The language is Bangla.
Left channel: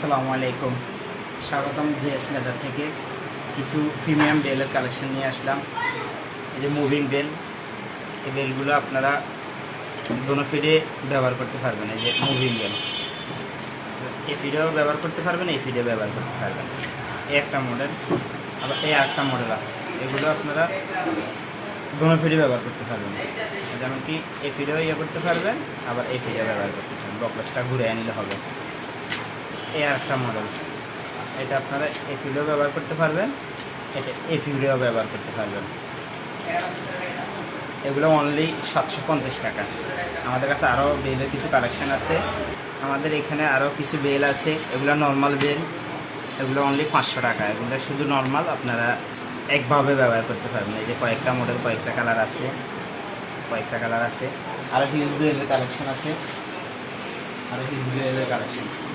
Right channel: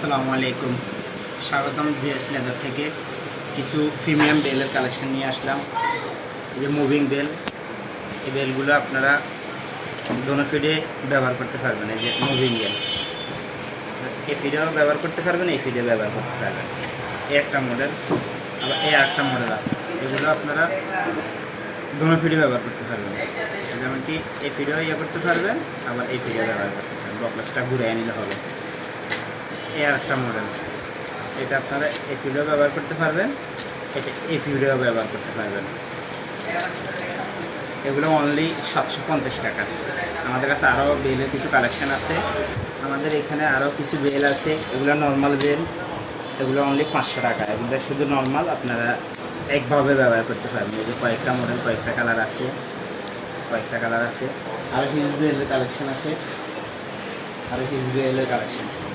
আসসালামু আলাইকুম, স্বাগতম জিএস লেদার থেকে। কিছু প্রিমিয়াম বেলের কালেকশন নিয়ে আসলাম। যে মুভিং বেল, এই বেলগুলো আপনারা দোনো ফিডে ব্যবহার করতে পারবেন। এই যে মুভিং বেল, এই ফিডেও ব্যবহার করতে পারবেন, এই ফিডে ব্যবহার করতে পারবেন। এই একটা মডেল, আবার এই একটা মডেল আছে। এগুলো আপনারা দোনো ফিডে ব্যবহার করতে পারবেন। যেমন কি এই ফিডেও ইয়ে করতে পারবেন, আবার এই ফিডেও ব্যবহার করতে পারবেন। বকলেসটা ঘুরে নিলে হবে। এই একটা মডেল, এটা আপনারা এই ফিডেও ব্যবহার করতে পারবেন, এটা এই ফিডেও ব্যবহার করতে পারবেন। এগুলো অনলি 750 টাকা। আমাদের কাছে আরও বেলের কিছু কালেকশান আছে। আমাদের এখানে আরও কিছু বেল আছে, এগুলো নর্মাল বেল, এগুলো অনলি 500 টাকা। এগুলো শুধু নর্মাল, আপনারা একভাবে ব্যবহার করতে পারবেন। এই যে কয়েকটা মডেল, কয়েকটা কালার আছে, আরও হিউজ বেলের কালেকশান আছে, আরও হিউজ বেলের কালেকশান আছে।